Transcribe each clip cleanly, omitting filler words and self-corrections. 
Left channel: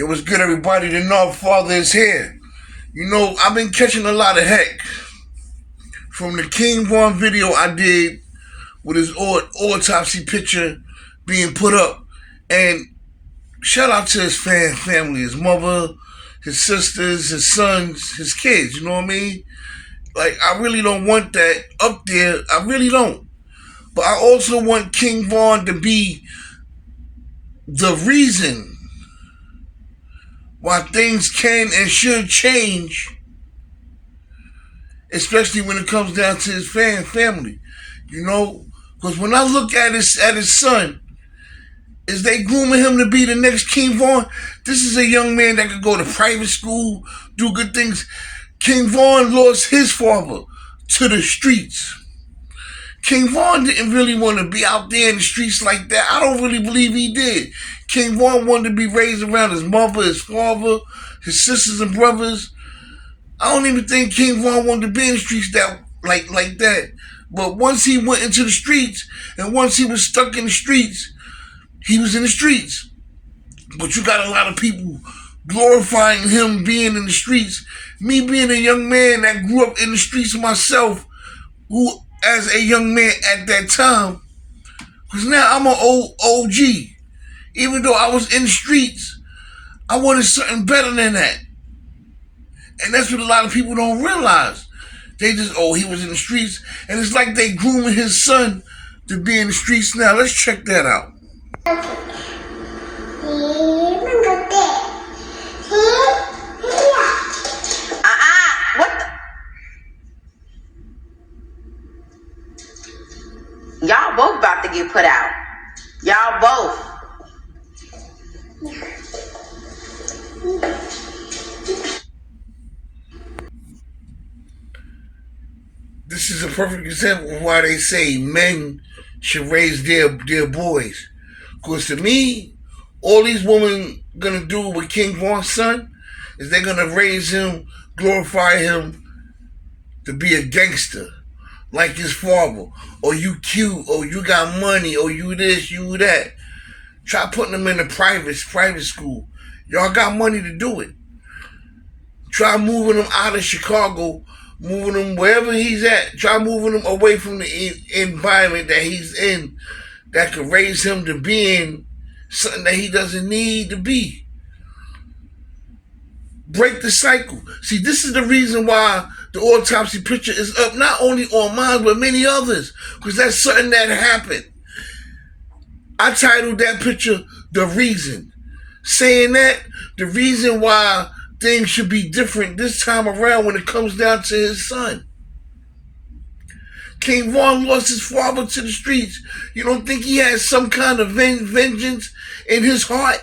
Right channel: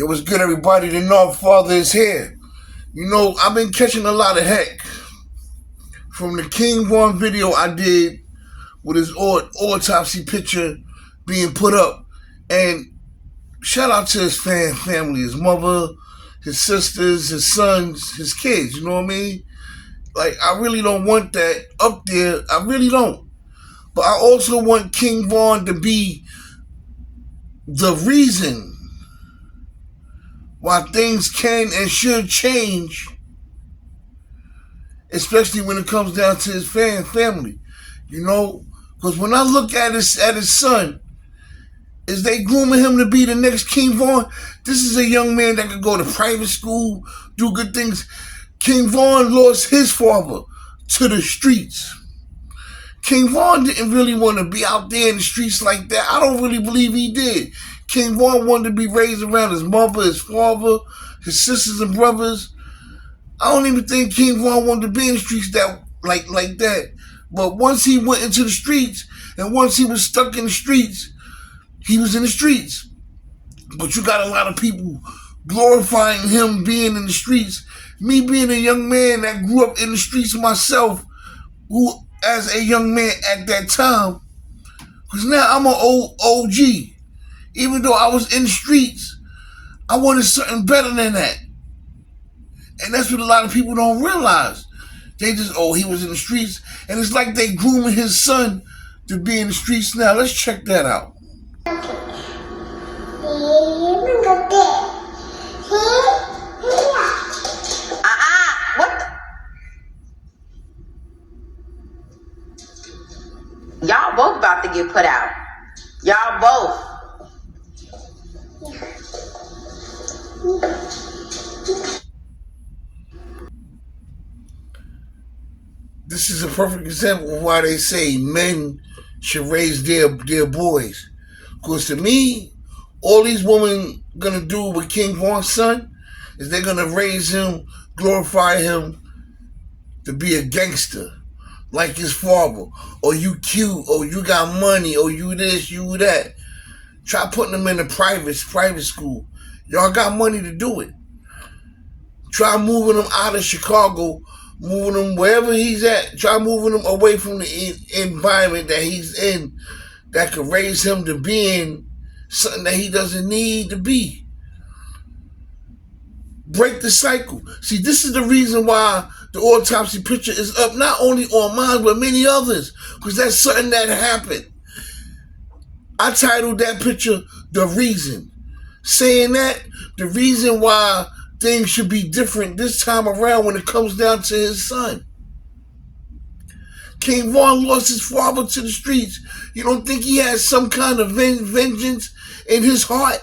Yo, what's good, everybody? The North Father is here. You know, I've been catching a lot of heck from the King Von video I did with his autopsy picture being put up. And shout out to his family, his mother, his sisters, his sons, his kids, you know what I mean? Like, I really don't want that up there. I really don't. But I also want King Von to be the reason why things can and should change, especially when it comes down to his family, you know? Because when I look at his son, is they grooming him to be the next King Von? This is a young man that could go to private school, do good things. King Von lost his father to the streets. King Von didn't really want to be out there in the streets like that. I don't really believe he did. King Von wanted to be raised around his mother, his father, his sisters and brothers. I don't even think King Von wanted to be in the streets like that. But once he went into the streets, and once he was stuck in the streets, he was in the streets. But you got a lot of people glorifying him being in the streets. Me being a young man that grew up in the streets myself, who as a young man at that time, because now I'm an old OG. Even though I was in the streets, I wanted something better than that. And that's what a lot of people don't realize. They just, he was in the streets. And it's like they grooming his son to be in the streets now. Let's check that out. Y'all both about to get put out. Y'all both. This is a perfect example of why they say men should raise their boys. Because to me, all these women gonna do with King Von's son is they're gonna raise him, glorify him to be a gangster like his father. Or you cute, or you got money, or you this, you that. Try putting him in a private school. Y'all got money to do it. Try moving him out of Chicago, moving him wherever he's at. Try moving him away from the environment that he's in that could raise him to being something that he doesn't need to be. Break the cycle. See, this is the reason why the autopsy picture is up, not only on mine, but many others, because that's something that happened. I titled that picture, The Reason. Saying that, the reason why things should be different this time around when it comes down to his son. King Von lost his father to the streets. You don't think he had some kind of vengeance in his heart?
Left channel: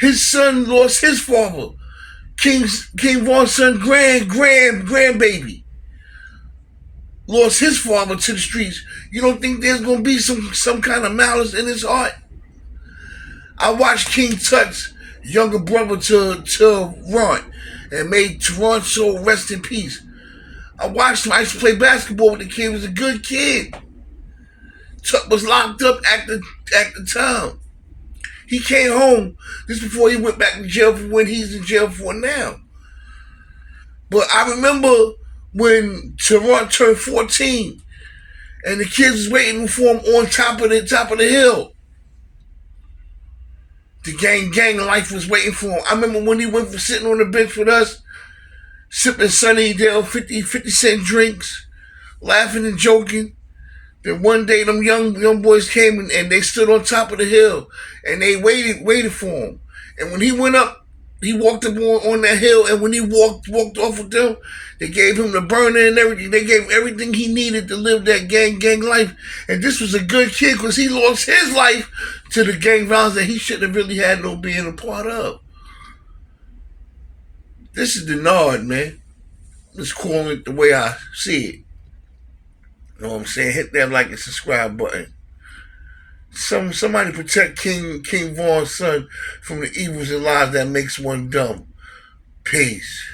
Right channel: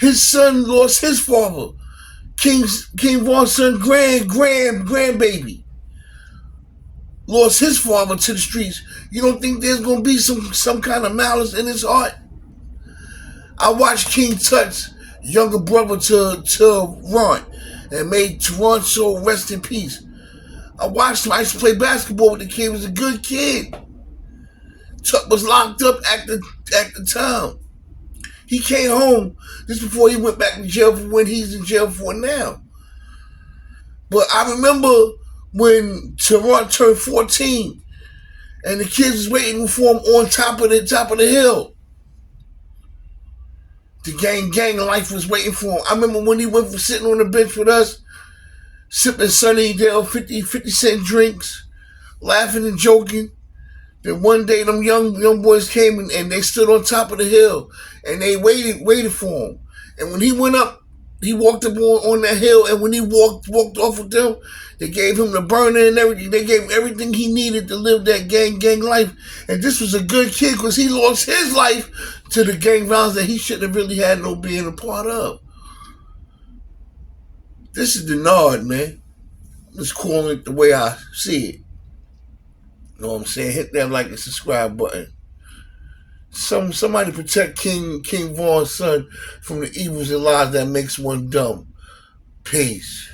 His son lost his father. King Von's son, grandbaby, lost his father to the streets. You don't think there's gonna be some kind of malice in his heart? I watched King Tut's younger brother to Ron and made Toronto rest in peace. I watched him. I used to play basketball with the kid. He was a good kid. Tut was locked up at the time. He came home just before he went back to jail for when he's in jail for now. But I remember when Toronto turned 14 and the kids was waiting for him on top of the hill. The gang life was waiting for him. I remember when he went for sitting on the bench with us, sipping Sunnydale 50 cent drinks, laughing and joking. Then one day them young boys came and they stood on top of the hill and they waited for him. And when he went up, he walked up on that hill, and when he walked off with them, they gave him the burner and everything. They gave him everything he needed to live that gang life. And this was a good kid because he lost his life to the gang violence that he shouldn't have really had no being a part of. This is the Nard, man. Let's call it the way I see it. You know what I'm saying? Hit that like and subscribe button. Somebody protect King Von's son from the evils and lies that makes one dumb. Peace.